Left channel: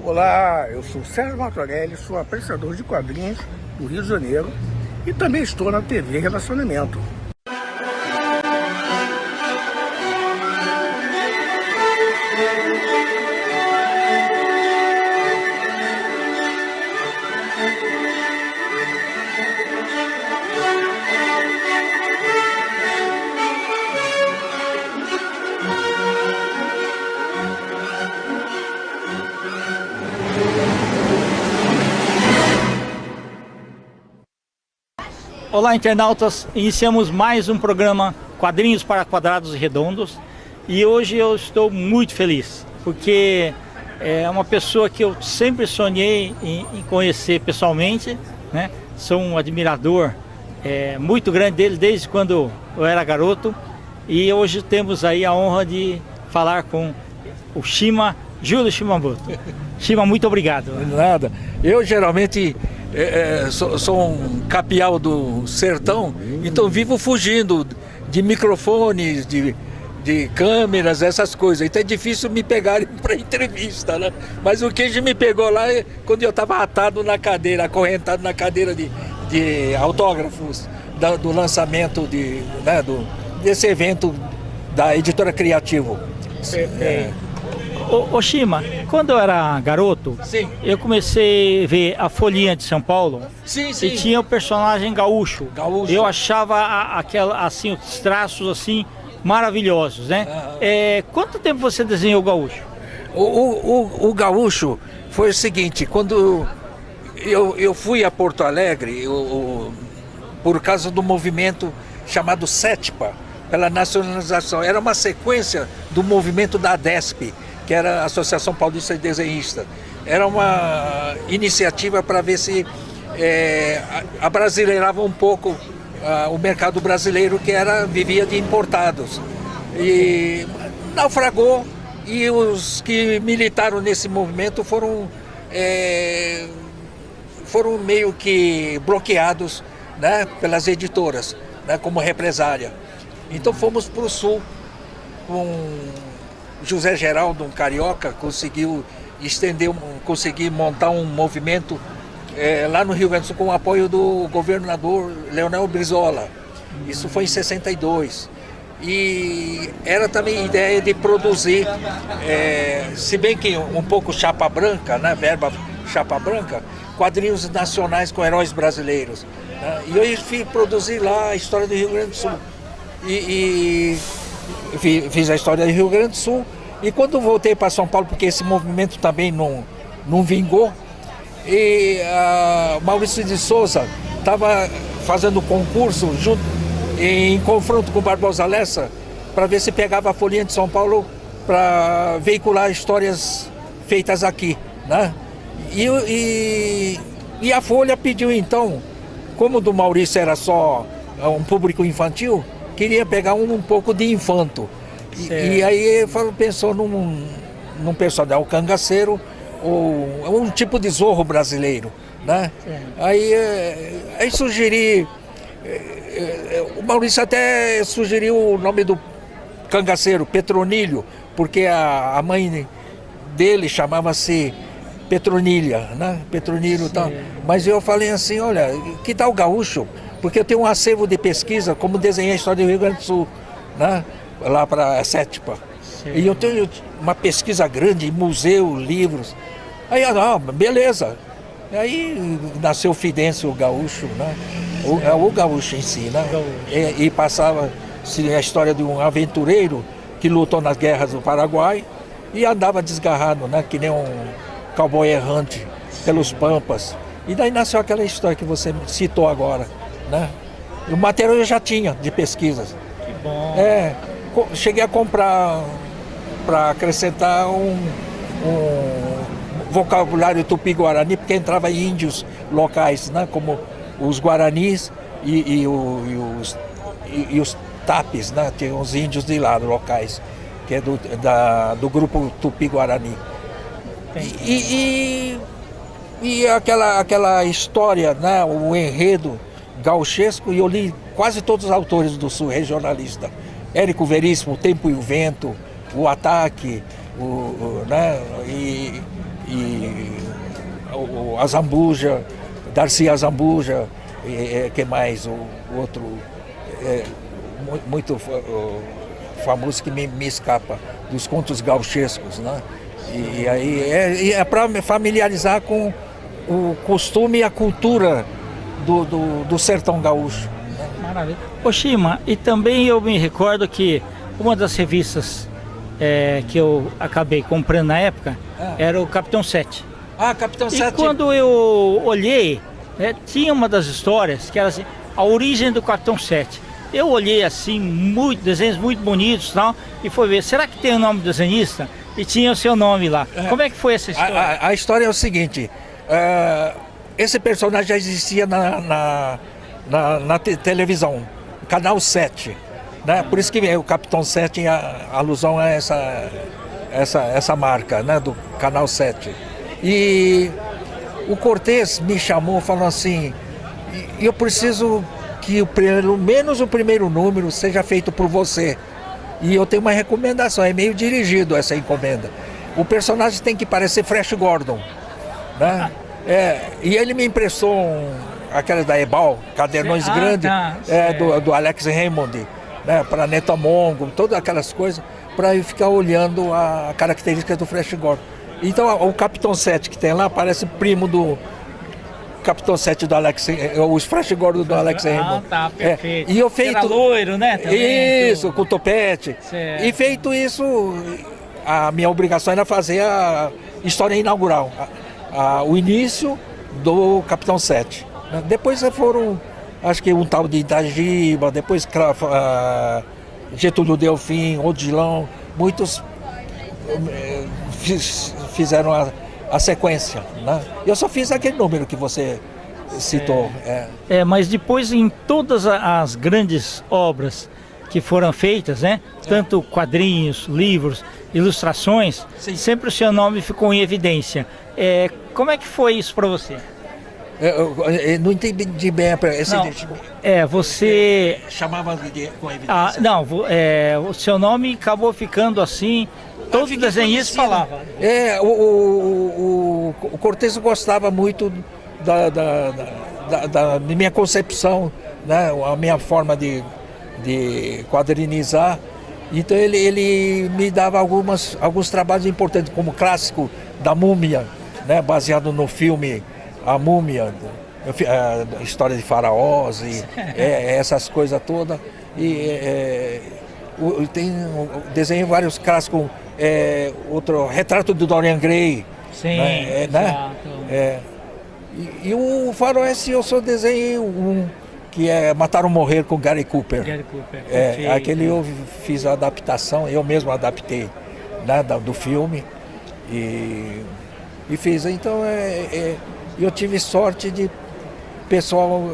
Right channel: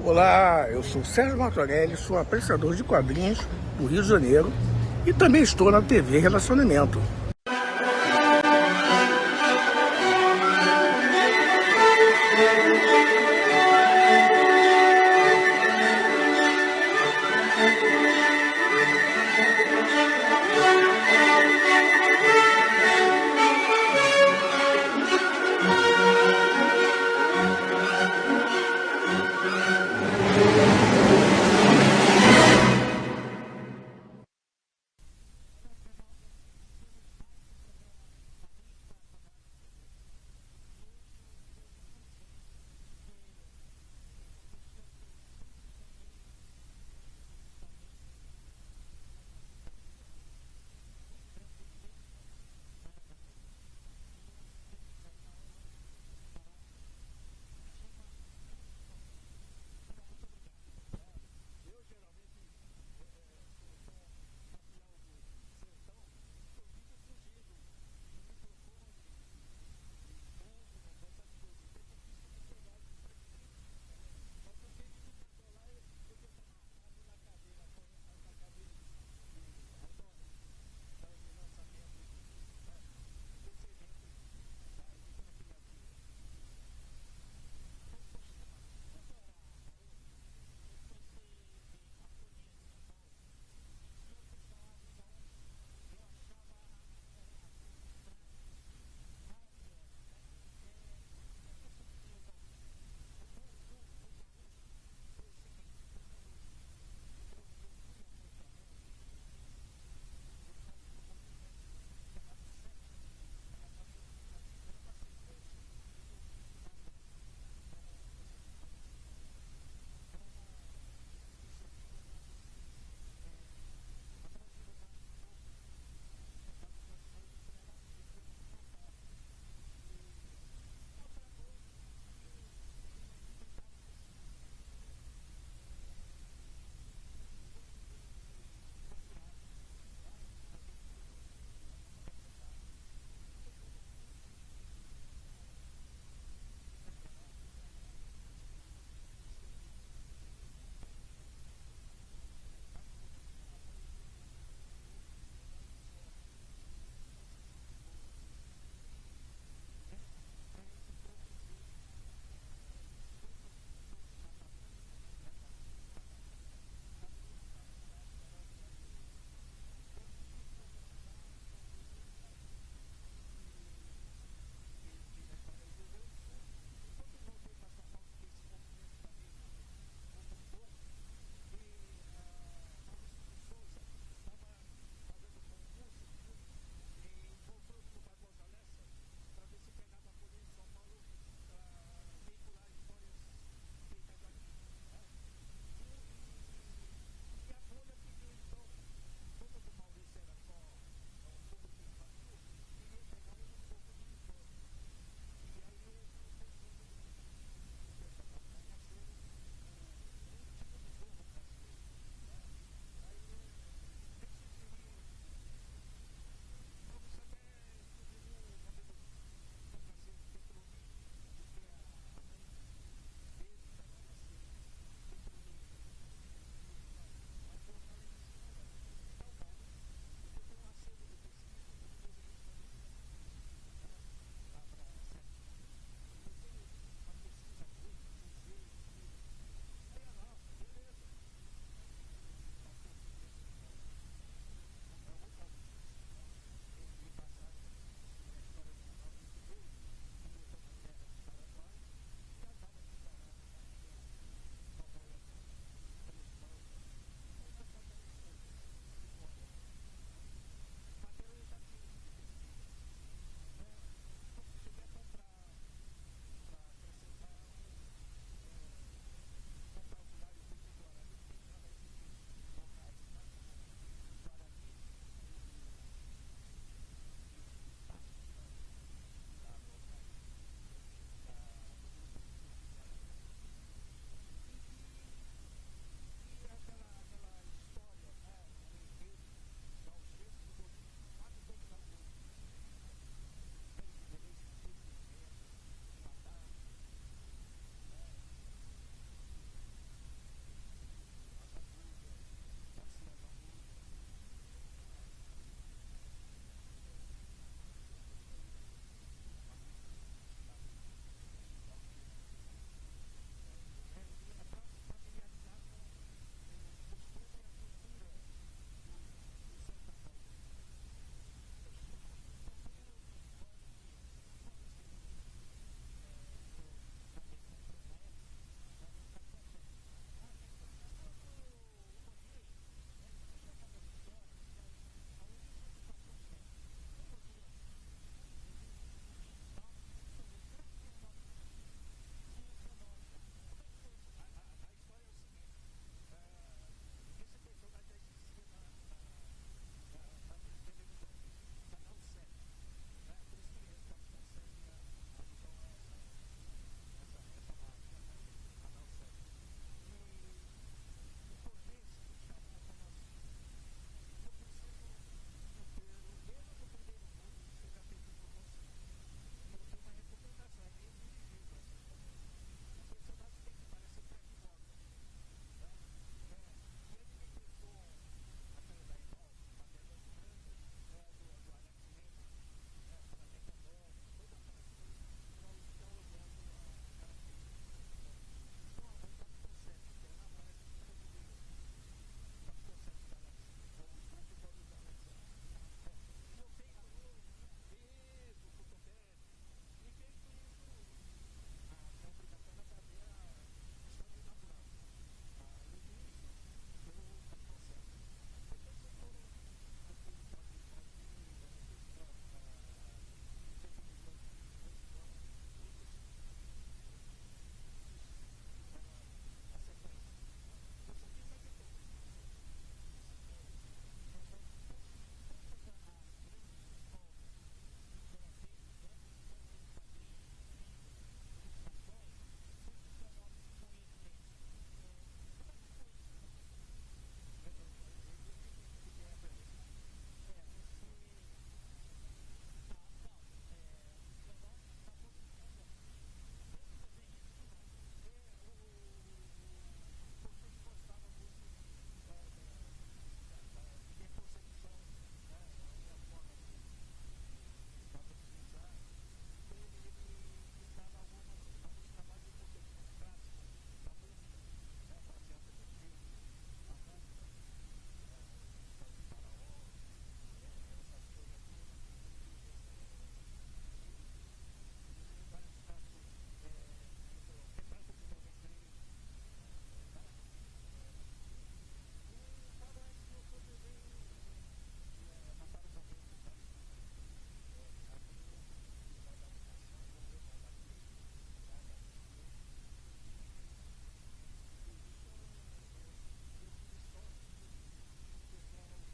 Olá, eu sou Sérgio Martorelli, sou apreciador de quadrinhos do Rio de Janeiro e também estou na TV Relacionamento. Olá, internautas! Iniciamos mais um programa Quadrinhos para Quadrados e Redondos e hoje eu estou muito feliz porque é uma pessoa que eu sempre sonhei em conhecer pessoalmente, né? Sou um admirador muito grande dele desde quando eu era garoto e hoje temos aí a honra de falar com o Shima, Júlio Shimamoto. Shima, muito obrigado. Nada. Eu geralmente sou um capial do sertão, então vivo fugindo de microfones, de câmeras, essas coisas. Então é difícil me pegarem para entrevista, né? Mas o que me pegou lá é quando eu estava atado na cadeira, acorrentado na cadeira de autógrafos do lançamento desse evento da Editora Criativo. Ô Shima, quando eu era garoto, Sim. eu comecei a ver a Folhinha de São Paulo. Sim. E tinha o personagem gaúcho. Gaúcho. Eu achava assim, os traços assim maravilhosos, né? Quanto tempo você desenhou o gaúcho? O gaúcho foi o seguinte, quando eu fui a Porto Alegre, por causa do movimento chamado SETPA, pela nacionalização, era uma sequência do movimento da ADESP, que era a Associação Paulista de Desenhistas. Era uma iniciativa para ver se abrasileirava um pouco o mercado brasileiro, que vivia de importados. E naufragou, e os que militaram nesse movimento foram meio que bloqueados, né, pelas editoras, né, como represália. Então fomos para o sul com José Geraldo, um carioca, conseguiu montar um movimento lá no Rio Grande do Sul com o apoio do governador Leonel Brizola. Isso foi em 62. E era também ideia de produzir, se bem que um pouco chapa branca, né, verba chapa branca, quadrinhos nacionais com heróis brasileiros. Né? E eu fui produzir lá a história do Rio Grande do Sul. E fiz a história do Rio Grande do Sul, e quando voltei para São Paulo, porque esse movimento também não vingou, e Maurício de Souza estava fazendo concurso em confronto com Barbosa Lessa para ver se pegava a Folhinha de São Paulo para veicular histórias feitas aqui, né? E a Folha pediu então, como o do Maurício era só um público infantil, queria pegar um pouco de infanto. E aí pensou num personagem, o cangaceiro, ou um tipo de zorro brasileiro, né? Aí sugeri, o Maurício até sugeriu o nome do cangaceiro, Petronilho, porque a mãe dele chamava-se Petronilha, né? Petronilho e tal. Mas eu falei assim, olha, que tal gaúcho? Porque eu tenho um acervo de pesquisa, como desenhei a história do Rio Grande do Sul, né? Lá para a SETPA. E eu tenho uma pesquisa grande, museu, livros. Aí, beleza. Aí nasceu o Fidêncio, o gaúcho, né? O gaúcho em si, né? E passava-se a história de um aventureiro que lutou nas guerras do Paraguai e andava desgarrado, né? Que nem um cowboy errante pelos pampas. E daí nasceu aquela história que você citou agora, né? O material eu já tinha de pesquisas. Que bom. Cheguei a comprar para acrescentar um vocabulário tupi-guarani, porque entrava índios locais, né? Como os guaranis e os tapes, né? Tem uns índios de lá, locais, que é do grupo tupi-guarani. E aquela história, né? O enredo gauchesco, e eu li quase todos os autores do Sul regionalista. Érico Veríssimo, O Tempo e o Vento, O Ataque, né? e a Zambuja, Darcy Azambuja, que mais? O outro muito famoso que me escapa, dos contos gauchescos, né? E aí é para me familiarizar com o costume e a cultura do sertão gaúcho. Maravilha. Ô Shima, e também eu me recordo que uma das revistas que eu acabei comprando na época era o Capitão 7. Ah, Capitão 7. E quando eu olhei, tinha uma das histórias que era assim, a origem do Capitão 7. Eu olhei assim, desenhos muito bonitos e tal, e fui ver, será que tem o nome do desenhista? E tinha o seu nome lá. Como é que foi essa história? A história é o seguinte, esse personagem já existia na televisão, Canal 7, né? Por isso que o Capitão 7 é alusão a essa marca, né? Do Canal 7. E o Cortez me chamou falando assim, eu preciso que pelo menos o primeiro número seja feito por você. E eu tenho uma recomendação, é meio dirigido essa encomenda. O personagem tem que parecer Flash Gordon, né? E ele me emprestou aquelas da Ebal, cadernões grandes, do Alex Raymond, né? Para Netamongo, todas aquelas coisas, para eu ficar olhando a característica do Flash Gordon. Então o Capitão 7 que tem lá parece primo do Capitão 7 do Alex, os Flash Gordon do Alex Raymond. Tá, perfeito. E eu feito era loiro, né? Também, isso, com topete. Certo. E feito isso, a minha obrigação era fazer a história inaugural, o início do Capitão 7. Depois foram, acho que um tal de Itagiba, depois Getúlio Delfim, Odilon, muitos fizeram a sequência, né? Eu só fiz aquele número que você citou. Mas depois em todas as grandes obras que foram feitas, né? Tanto quadrinhos, livros, ilustrações, Sim. sempre o seu nome ficou em evidência. Como é que foi isso para você? Eu não entendi bem esse você chamava com evidência. O seu nome acabou ficando assim. Todos os desenhistas falavam. O Cortez gostava muito da minha concepção, né? A minha forma de quadrinizar. Então ele me dava alguns trabalhos importantes, como o clássico da Múmia, né? Baseado no filme A Múmia, a história de faraós e essas coisas todas. Desenhei vários clássicos, outro Retrato do Dorian Gray. Sim, né? E o faroeste eu só desenhei um, que é Matar ou Morrer com Gary Cooper. Aquele eu fiz a adaptação, eu mesmo adaptei, né, do filme e fiz. Então eu tive sorte de pessoal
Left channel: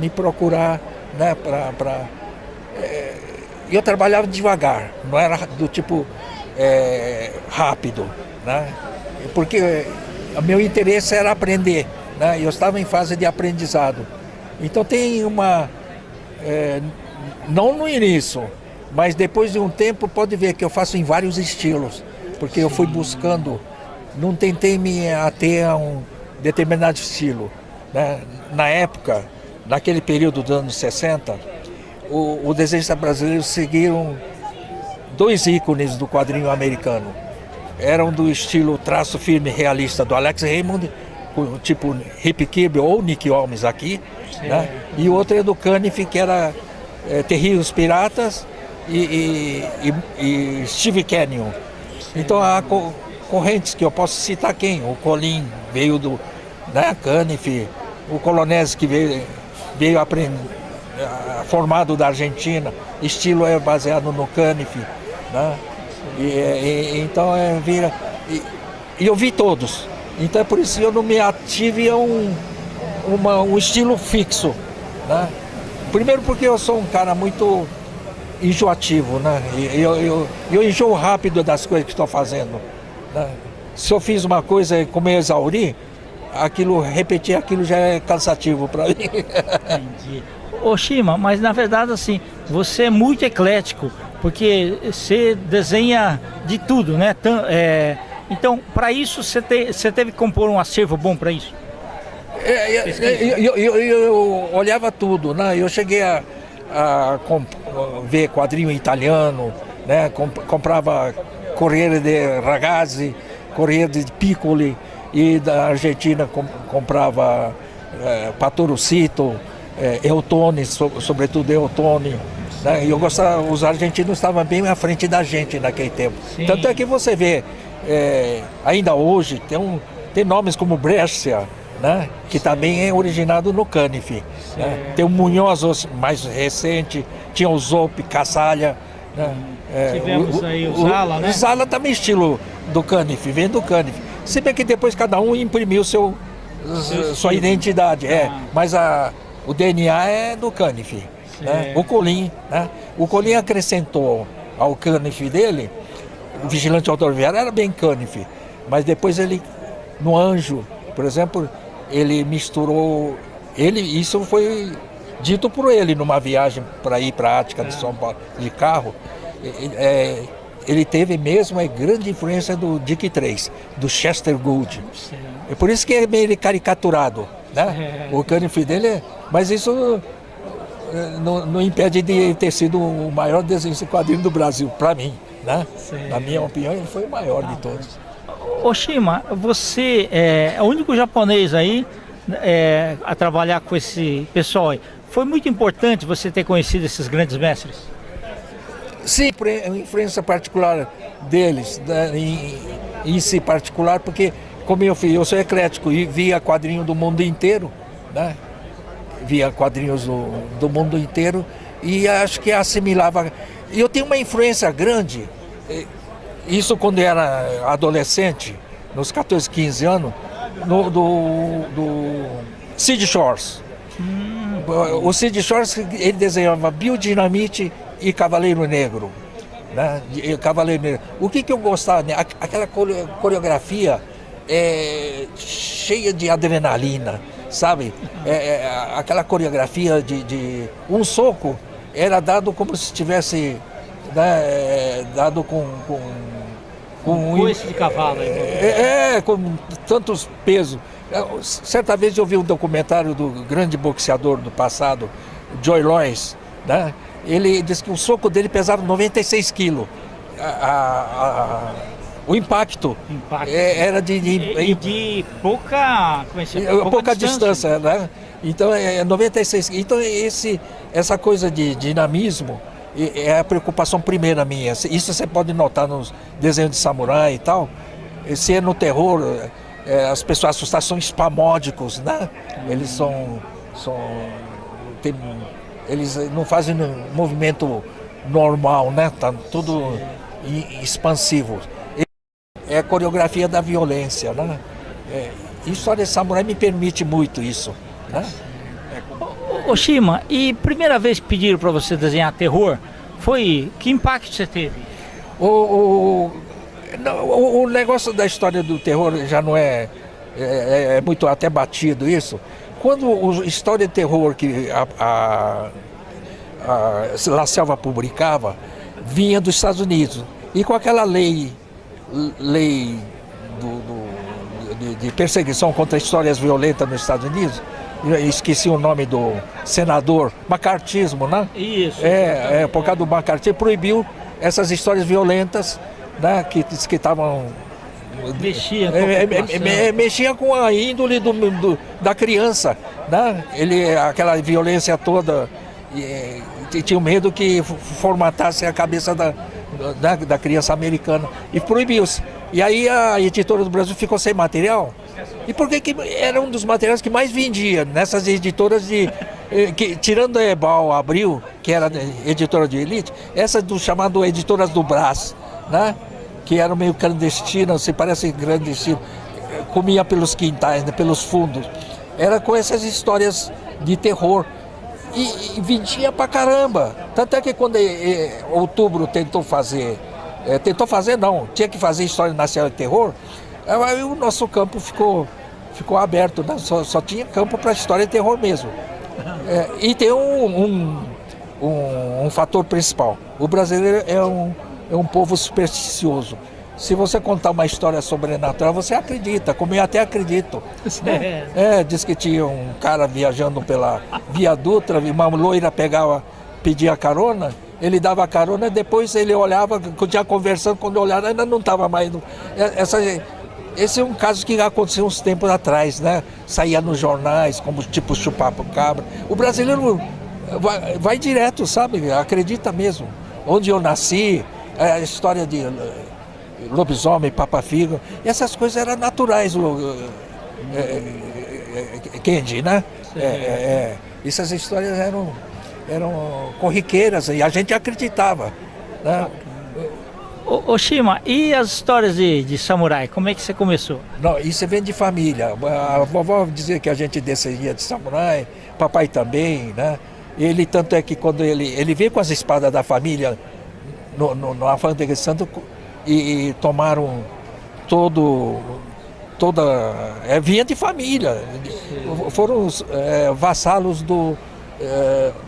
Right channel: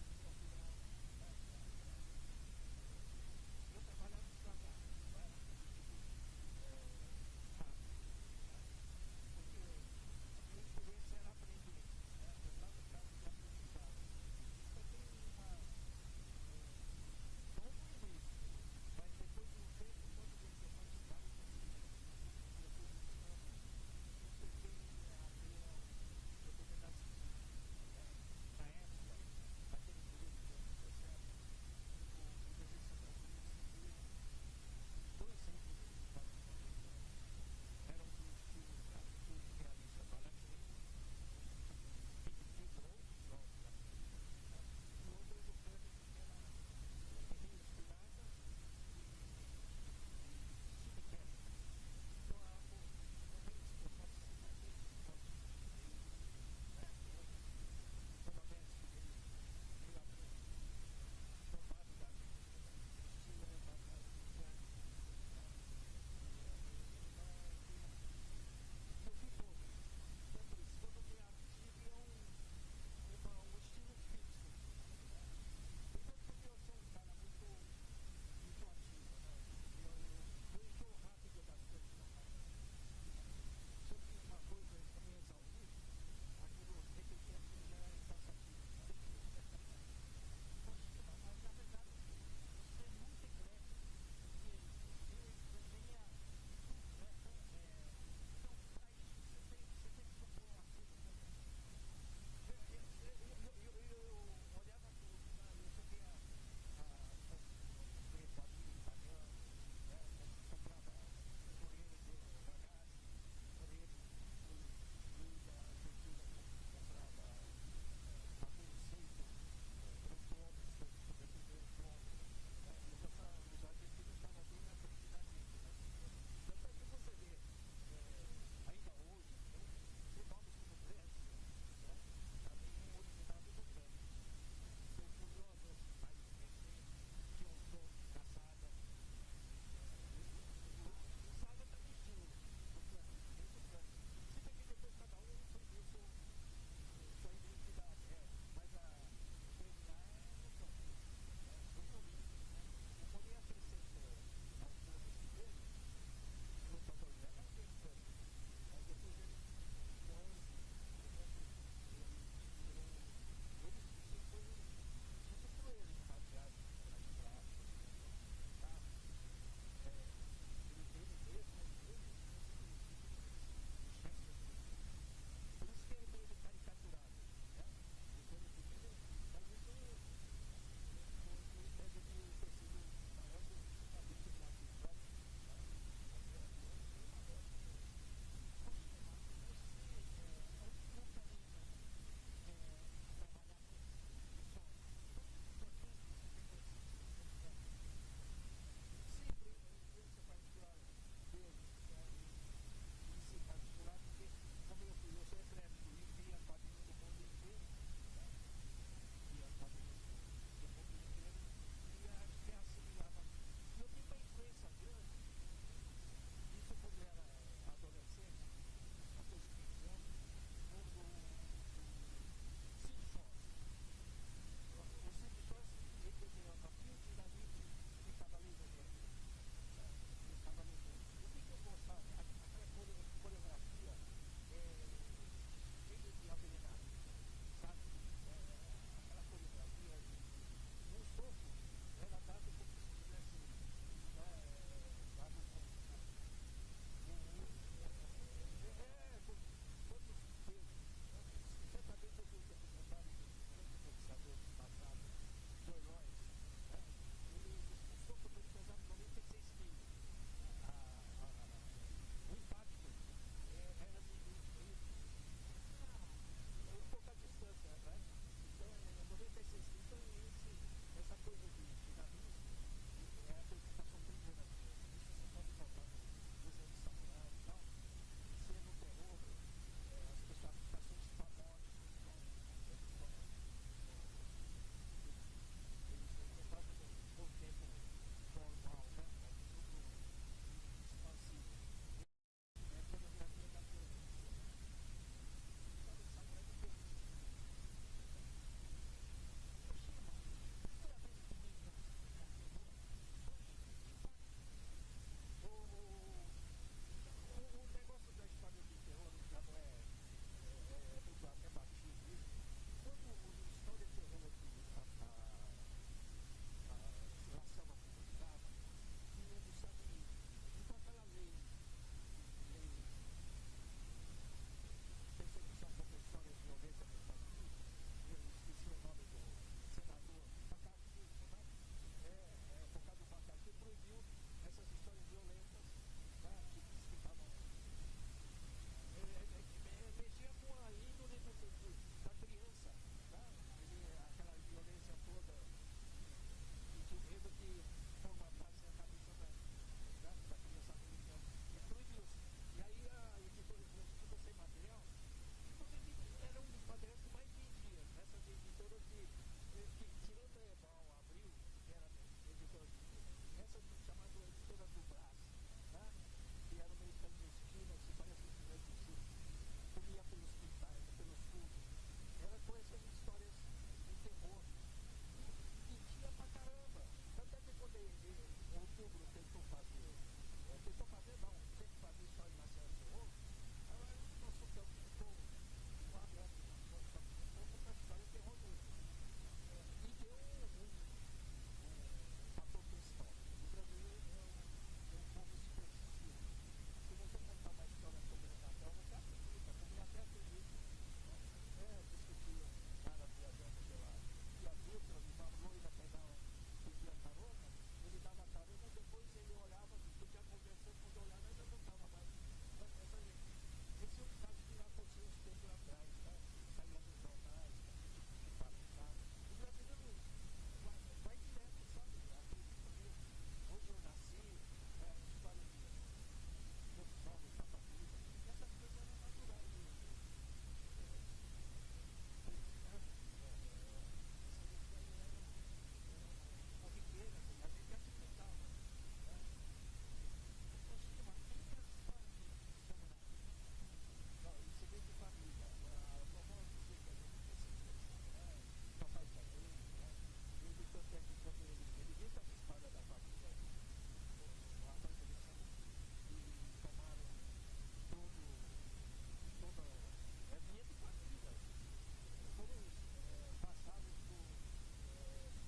me procurar, né, eu trabalhava devagar, não era do tipo rápido, né? Porque o meu interesse era aprender, né? Eu estava em fase de aprendizado. Então tem não no início, mas depois de um tempo pode ver que eu faço em vários estilos, porque eu fui buscando, não tentei me ater a um determinado estilo, né? Na época, naquele período dos anos 60, o desenhista brasileiro seguiram dois ícones do quadrinho americano. Eram do estilo traço firme realista do Alex Raymond, tipo Rip Kirby ou Nick Holmes aqui, né? E o outro é do Caniff, que era Terríveis Piratas e Steve Canyon. Então há correntes que eu posso citar quem? O Colin veio do, né, Caniff, o Colonese que veio aprender, formado da Argentina, estilo é baseado no Caniff, né? Então e eu vi todos. Então é por isso que eu não me ative a um estilo fixo, né? Primeiro porque eu sou um cara muito enjoativo, né? Eu enjoo rápido das coisas que estou fazendo, né? Se eu fiz uma coisa e como eu exauri, repetir aquilo já é cansativo para mim. Entendi. Ô Shima, mas na verdade assim, você é muito eclético, porque você desenha de tudo, né? Então, para isso, você teve que compor um acervo bom para isso? Eu olhava tudo, né? Eu cheguei a ver quadrinho italiano, né? Comprava Corriere de Ragazzi, Corriere de Piccoli, e da Argentina comprava Patorocito, Eutone, sobretudo Eutone. Né? E eu gostava, os argentinos estavam bem à frente da gente naquele tempo. Sim. Tanto é que você vê, ainda hoje, tem nomes como Brescia, né? Que também é originado no Caniff. Né? Tem o Munhoz mais recente, tinha o Zopp, Cassalha. Né? Tivemos aí o Zala, né? O Zala também estilo do Caniff, vem do Caniff. Se bem que depois cada um imprimiu sua identidade, mas o DNA é do Caniff. Né? O Colin, né? O Colin acrescentou ao Caniff dele, o Vigilante Rodoviário era bem Caniff, mas depois ele, no Anjo, por exemplo, ele misturou, isso foi dito por ele numa viagem para ir para a Ática de São Paulo de carro. Ele teve mesmo a grande influência do Dick Tracy, do Chester Gould. É por isso que é meio caricaturado, né? O Caniff dele mas isso não impede de ter sido o maior desenho de quadrinho do Brasil, para mim, né? Na minha opinião, ele foi o maior de todos. Oshima, você é o único japonês aí a trabalhar com esse pessoal aí. Foi muito importante você ter conhecido esses grandes mestres? Sim, a influência particular deles, né, em si particular, porque como eu sou eclético e via quadrinho do mundo inteiro, né? Via quadrinhos do mundo inteiro e acho que assimilava. E eu tenho uma influência grande, isso quando eu era adolescente, nos 14, 15 anos, do Sid Shores. O Sid Shores, ele desenhava Biodinamite e Cavaleiro Negro. Né? Cavaleiro Negro. O que eu gostava? Né? Aquela coreografia cheia de adrenalina, sabe? Aquela coreografia de um soco era dado como se tivesse dado com um coice de cavalo. Com tantos pesos. Certa vez eu vi um documentário do grande boxeador do passado, Joy Lois, né? Ele disse que o soco dele pesava 96 quilos. O impacto era de pouca distância, né? Então 96. Então essa coisa de dinamismo é a preocupação primeira minha. Isso você pode notar nos desenhos de samurai e tal. Se é no terror, as pessoas assustadas são espamódicos, né? Eles eles não fazem um movimento normal, né? Tá tudo expansivo. É a coreografia da violência, né? História de samurai me permite muito isso, né? Oshima, e primeira vez que pediram para você desenhar terror, que impacto você teve? O negócio da história do terror já não é muito até batido isso. Quando a história de terror que a La Selva publicava, vinha dos Estados Unidos. E com aquela lei de perseguição contra histórias violentas nos Estados Unidos, eu esqueci o nome do senador, macartismo, né? Isso. Por causa do macartismo, proibiu essas histórias violentas, né? Que estavam... Mexia com a índole da criança, né? Aquela violência toda, tinha medo que formatasse a cabeça da criança americana e proibiu-se. E aí a editora do Brasil ficou sem material. E por que era um dos materiais que mais vendia nessas editoras tirando a Ebal Abril, que era editora de elite, essas do chamado editoras do Brás, né? Que eram meio clandestinas, se parece clandestino, comia pelos quintais, né, pelos fundos. Era com essas histórias de terror. E vendia pra caramba. Tanto é que quando Outubro tentou fazer não, tinha que fazer História Nacional de Terror, aí o nosso campo ficou aberto, né? Só tinha campo para História de Terror mesmo. E tem um fator principal. O brasileiro é um povo supersticioso. se você contar uma história sobrenatural, você acredita, como eu até acredito. Diz que tinha um cara viajando pela Via Dutra, uma loira pedia carona, ele dava carona, depois ele olhava, continuava conversando, quando olhava ainda não estava mais. Esse é um caso que aconteceu uns tempos atrás, né? Saía nos jornais, como tipo chupacabra. O brasileiro vai direto, sabe? Acredita mesmo. Onde eu nasci, a história de lobisomem, papa-figo, essas coisas eram naturais, Kendi, né? Essas histórias eram corriqueiras e a gente acreditava, né? Ô Shima, e as histórias de samurai, como é que você começou? Não, isso vem de família. A vovó dizia que a gente descia de samurai, papai também, né? Ele, tanto é que quando ele veio com as espadas da família no Alfândega de Santo e tomaram vinha de família. Foram vassalos do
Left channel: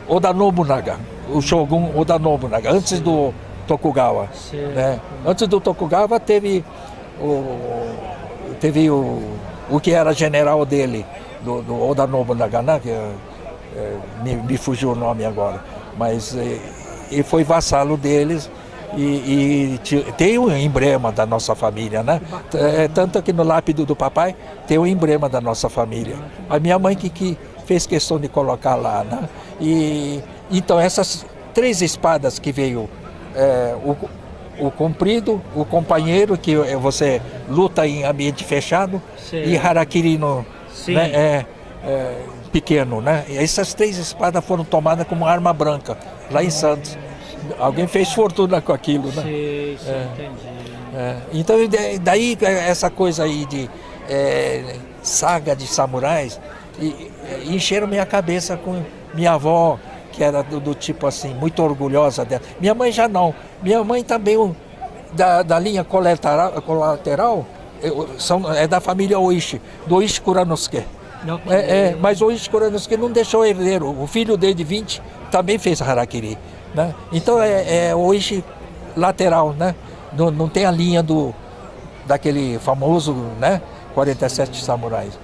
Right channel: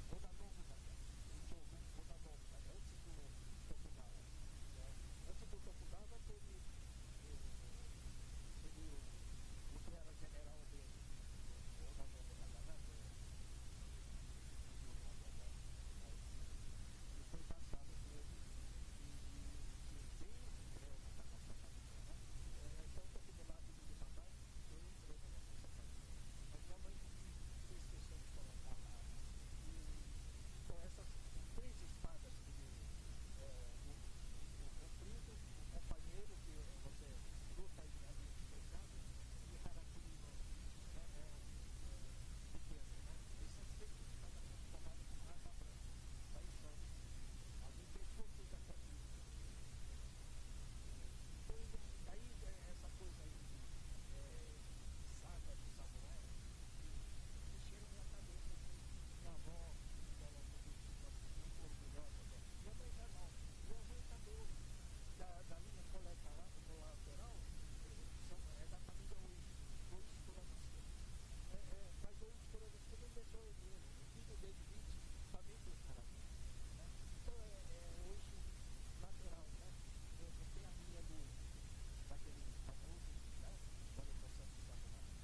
Oda Nobunaga, o Shogun Oda Nobunaga, antes do Tokugawa. Né? Antes do Tokugawa teve o que era general dele, do Oda Nobunaga, né? Me fugiu o nome agora, mas ele foi vassalo deles e tem o emblema da nossa família, né? Tanto que no lápide do papai tem o emblema da nossa família. A minha mãe que fez questão de colocar lá, né? E então essas 3 espadas que veio, o comprido, o companheiro, que você luta em ambiente fechado, e harakiri né? Pequeno, né? E essas 3 espadas foram tomadas como arma branca lá em Santos. Alguém fez fortuna com aquilo, né? Sim, entendi. Então daí essa coisa aí de saga de samurais encheram minha cabeça com minha avó, que era do tipo assim, muito orgulhosa dela. Minha mãe já não. Minha mãe também, da linha colateral, é da família Oishi, do Oishi Kuranosuke. Mas o Oishi Kuranosuke não deixou herdeiro. O filho dele de 20 também fez harakiri. Né? Então é Oishi lateral, né? Não tem a linha daquele famoso, né? 47 samurais.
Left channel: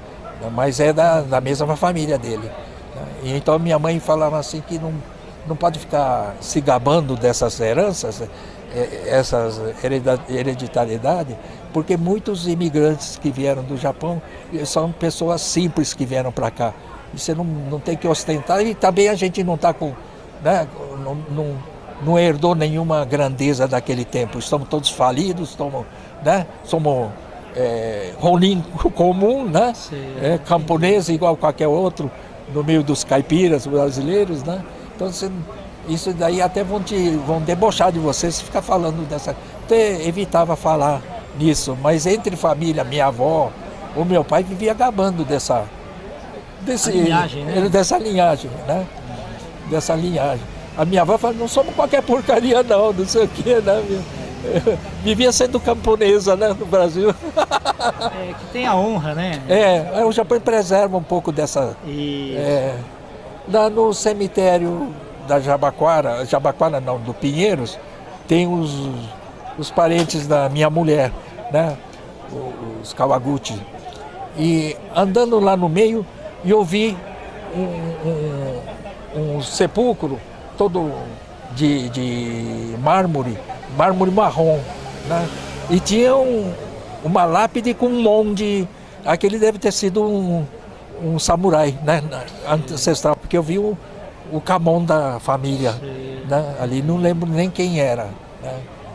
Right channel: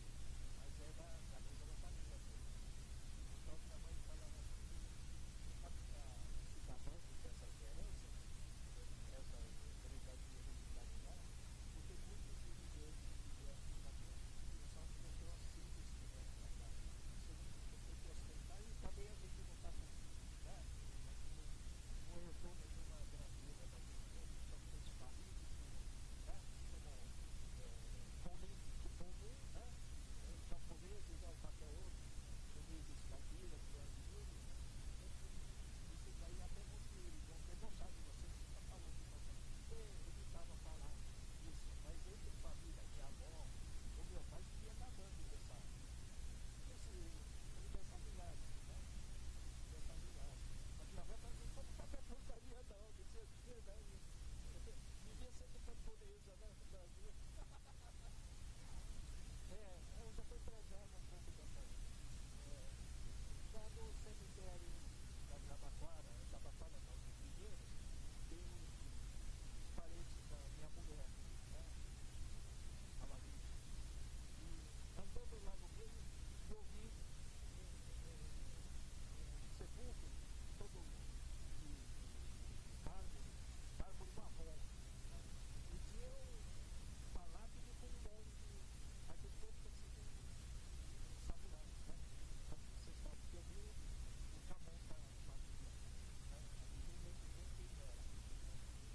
Mas é da mesma família dele. E então minha mãe falava assim que não pode ficar se gabando dessas heranças, essas hereditariedade, porque muitos imigrantes que vieram do Japão são pessoas simples que vieram para cá. E você não tem que ostentar, e também a gente não está com, né, não herdou nenhuma grandeza daquele tempo. Estamos todos falidos, somos rolim comum, né? Camponês igual qualquer outro, no meio dos caipiras brasileiros, né? Então isso daí até vão debochar de você se ficar falando dessa. Até evitava falar nisso, mas entre família, minha avó, o meu pai vivia gabando dessa linhagem, né? Dessa linhagem, né? Dessa linhagem. A minha avó fala, não somos qualquer porcaria não sei o que, né? Vivia sendo camponesa, né, no Brasil. Que tem a honra, né? O Japão preserva um pouco dessa. Lá no cemitério da Jabaquara não, do Pinheiros, tem os parentes da minha mulher, né? Os Kawaguchi. E andando lá no meio, eu vi um sepulcro todo de mármore marrom, né? E tinha uma lápide com um monte. Aquele deve ter sido um samurai, né? Ancestral, porque eu vi o Kamon da família, né? Ali não lembro nem quem era, né?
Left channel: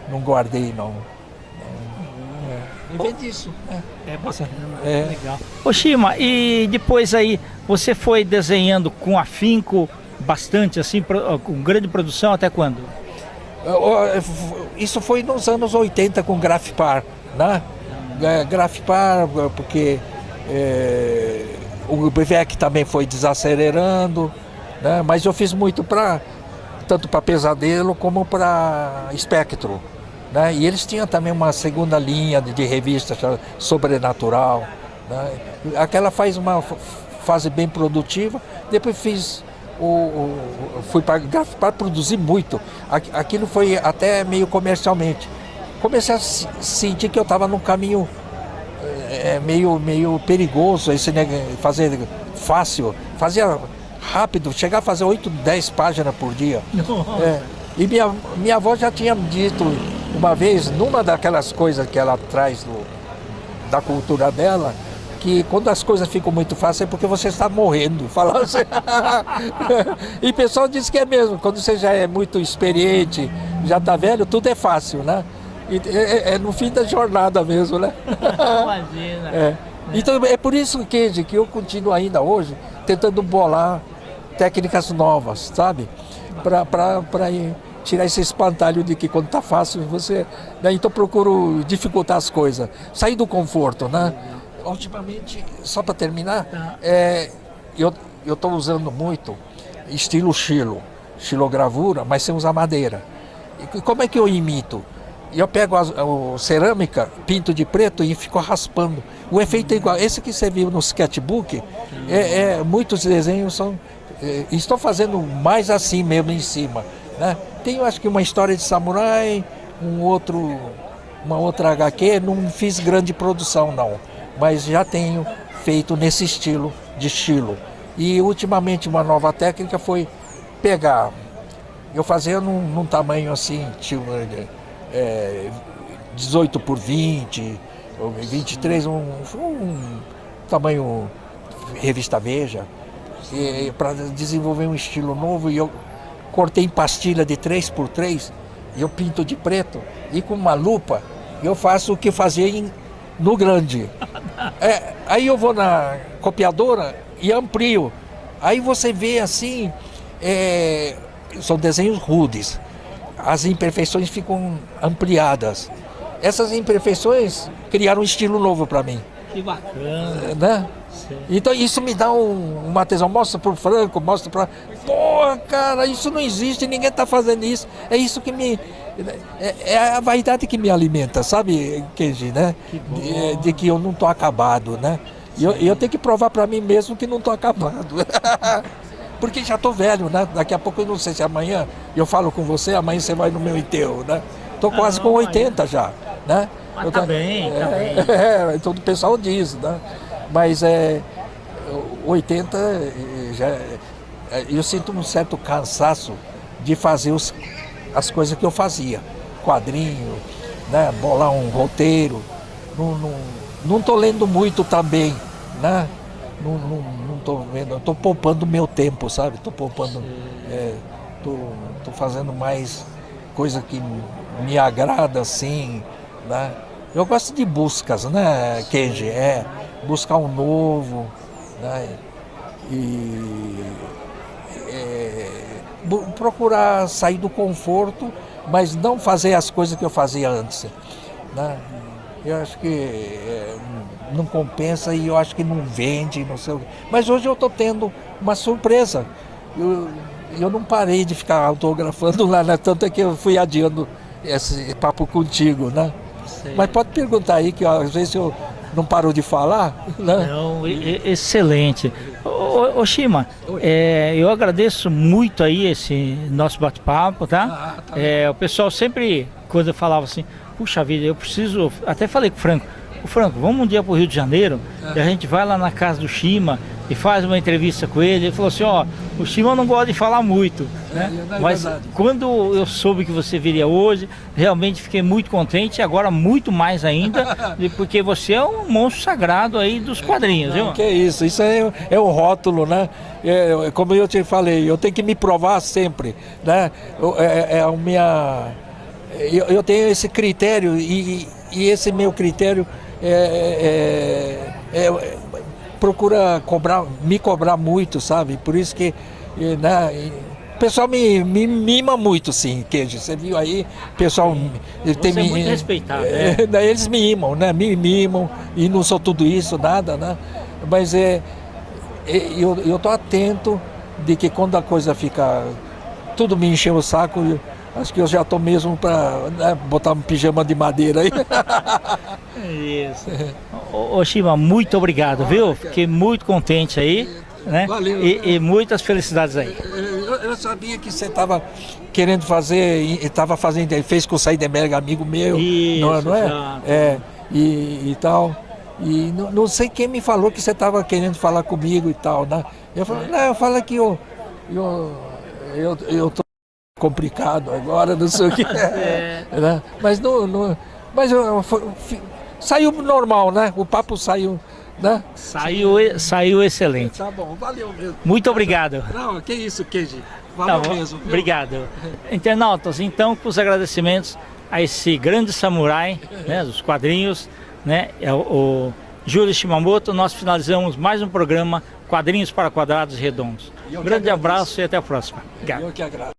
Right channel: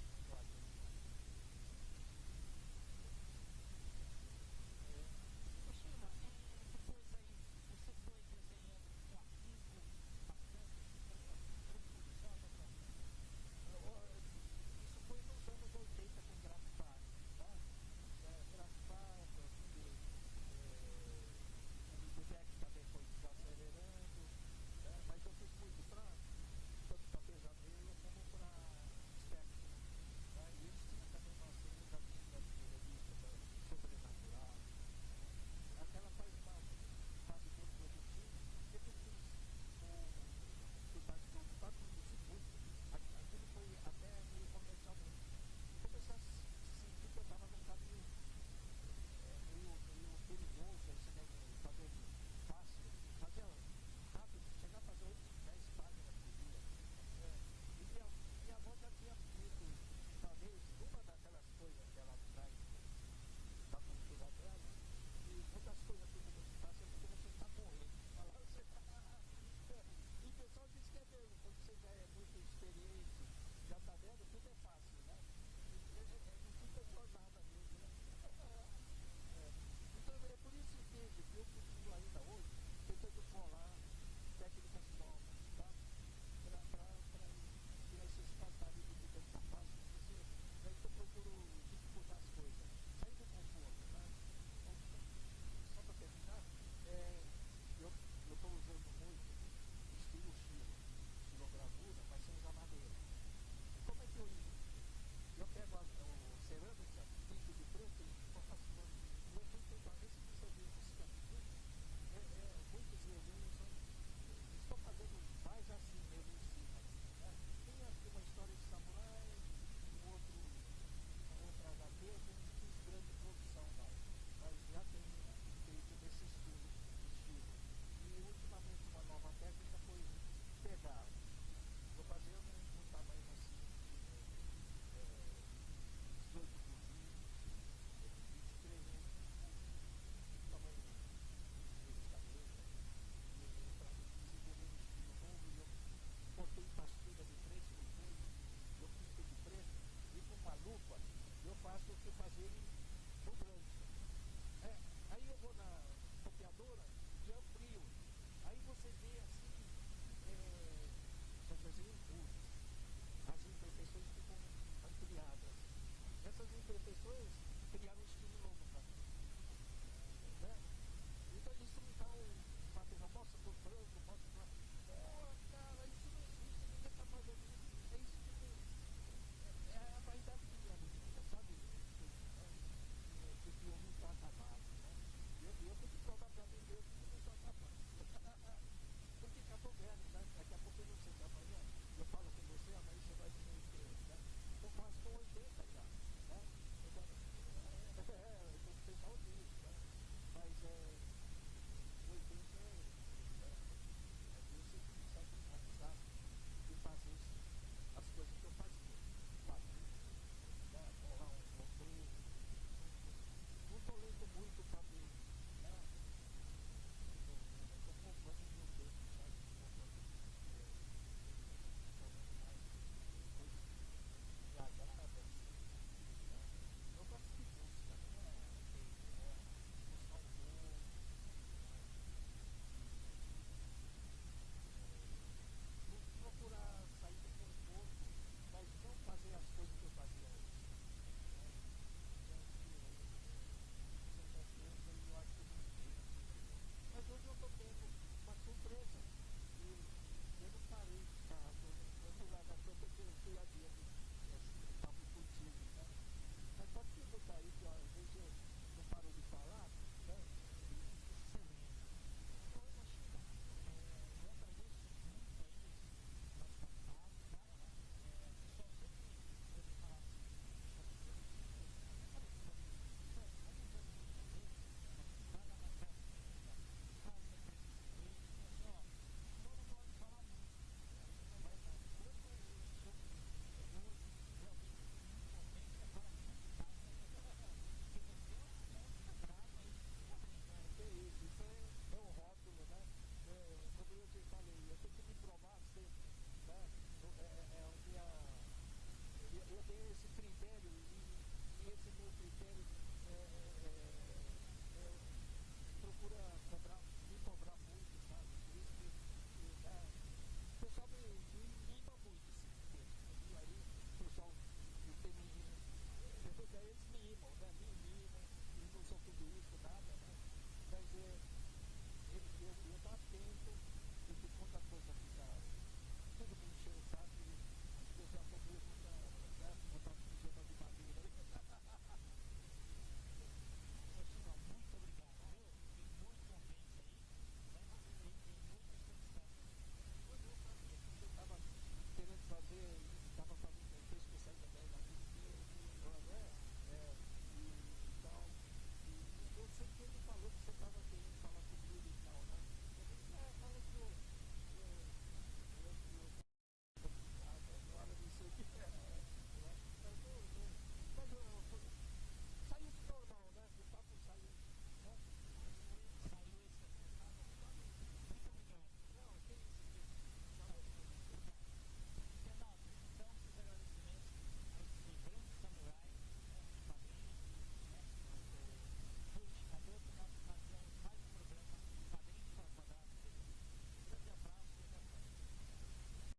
Não guardei não. E vem disso. Legal. Ô Shima, e depois aí você foi desenhando com afinco bastante, assim, com grande produção, até quando? Isso foi nos anos 80 com Grafipar, né? Grafipar, porque o BVEC também foi desacelerando, né? Mas eu fiz muito tanto para Pesadelo como para Espectro, né? E eles tinham também uma segunda linha de revista Sobrenatural, né? Aquela faz uma fase bem produtiva. Depois fui para produzir muito. Aquilo foi até meio comercialmente. comecei a sentir que eu estava num caminho meio perigoso, esse fazer fácil, fazia rápido, chegar a fazer 8, 10 páginas por dia. E minha avó já tinha dito uma vez, numa daquelas coisas que ela traz da cultura dela, que quando as coisas ficam muito fáceis é porque você está morrendo. Fala assim. E o pessoal diz que é mesmo, quando você já é muito experiente, já está velho, tudo é fácil, né? E é no fim da jornada mesmo, né? Imagina. Então é por isso, Kenji, que eu continuo ainda hoje tentando bolar técnicas novas, sabe? Para tirar esse espantalho de que quando está fácil você... Né? Então procuro dificultar as coisas, sair do conforto, né? Ultimamente, só para terminar, eu estou usando muito estilo xilogravura, mas sem usar madeira. E como é que eu imito? Eu pego a cerâmica, pinto de preto e fico raspando. O efeito é igual. Esse que você viu no sketchbook, muitos desenhos são... estou fazendo mais assim mesmo em cima. Né? Tenho acho que uma história de samurai, uma outra HQ, não fiz grande produção não. Mas já tenho feito nesse estilo de estilo. E ultimamente uma nova técnica foi pegar, eu fazia num tamanho assim, 18 por 20, 23, um tamanho revista Veja, para desenvolver um estilo novo. E eu cortei em pastilha de 3 por 3, e eu pinto de preto, e com uma lupa eu faço o que fazia no grande. Aí eu vou na copiadora e amplio. Aí você vê assim, são desenhos rudes. As imperfeições ficam ampliadas. Essas imperfeições criaram um estilo novo para mim. Que bacana. Né? Então isso me dá uma tesão. Mostra pro Franco, mostra para... Pô, cara, isso não existe, ninguém está fazendo isso. É isso que me... É a vaidade que me alimenta, sabe, Kenji, né? De que eu não estou acabado, né? E eu tenho que provar para mim mesmo que não estou acabado. Porque já estou velho, né? Daqui a pouco eu não sei se amanhã eu falo com você, amanhã você vai no meu enterro, né? Estou quase com 80 já, né? Mas tá bem, tá bem. Então o pessoal diz, né? Mas 80 já... Eu sinto um certo cansaço de fazer as coisas que eu fazia. Quadrinho, né? Bolar um roteiro. Não estou lendo muito também, né? Não estou vendo, estou poupando meu tempo, sabe? Estou poupando, estou fazendo mais coisa que me agrada, assim, né? Eu gosto de buscas, né, Kenji? Buscar um novo, né? Procurar sair do conforto, mas não fazer as coisas que eu fazia antes, né? Eu acho que não compensa e eu acho que não vende, não sei o quê. Mas hoje eu estou tendo uma surpresa. Eu não parei de ficar autografando lá, né? Tanto é que eu fui adiando esse papo contigo, né? Sei. Mas pode perguntar aí, que às vezes eu não paro de falar, né? Não, excelente. Ô Shima, eu agradeço muito aí esse nosso bate-papo, tá? Tá o pessoal sempre, quando eu falava assim, puxa vida, eu preciso... Até falei com o Franco, vamos um dia para o Rio de Janeiro, e a gente vai lá na casa do Shima e faz uma entrevista com ele. Ele falou assim, o Shima não gosta de falar muito, né? Mas verdade. Quando eu soube que você viria hoje, realmente fiquei muito contente, e agora muito mais ainda, porque você é um monstro sagrado aí dos quadrinhos, viu? Que isso é um rótulo, né? Como eu te falei, eu tenho que me provar sempre, né? Eu tenho esse critério e esse meu critério procura me cobrar muito, sabe? Por isso que, né, o pessoal me mima muito, sim, Kenji. Você viu aí, o pessoal... Você é muito respeitado, né? Eles me mimam, né? Me mimam, e não sou tudo isso, nada, né? Mas eu tô atento de que quando a coisa fica... Tudo me encheu o saco, acho que eu já estou mesmo para, né, botar um pijama de madeira aí. Isso. Ô Shima, muito obrigado, viu? Fiquei muito contente aí, né? Valeu. E muitas felicidades aí. eu sabia que você estava querendo fazer, estava fazendo, fez com o Seidenberg, amigo meu, Isso, não é? exato. E tal. E não sei quem me falou que você estava querendo falar comigo e tal, né? Eu falei, não, eu falo que eu tô complicado agora, não sei o que. Né? Mas saiu normal, né? O papo saiu, né? Saiu excelente. Tá bom, valeu mesmo. Muito obrigado. Não, que isso, Keiji. Tá Valeu bom, mesmo. Viu? obrigado. Internautas, então, com os agradecimentos a esse grande samurai, né, dos quadrinhos, né, o Júlio Shimamoto, nós finalizamos mais um programa Quadrinhos para Quadrados Redondos. Um grande abraço e até a próxima. Obrigado. Eu que agradeço.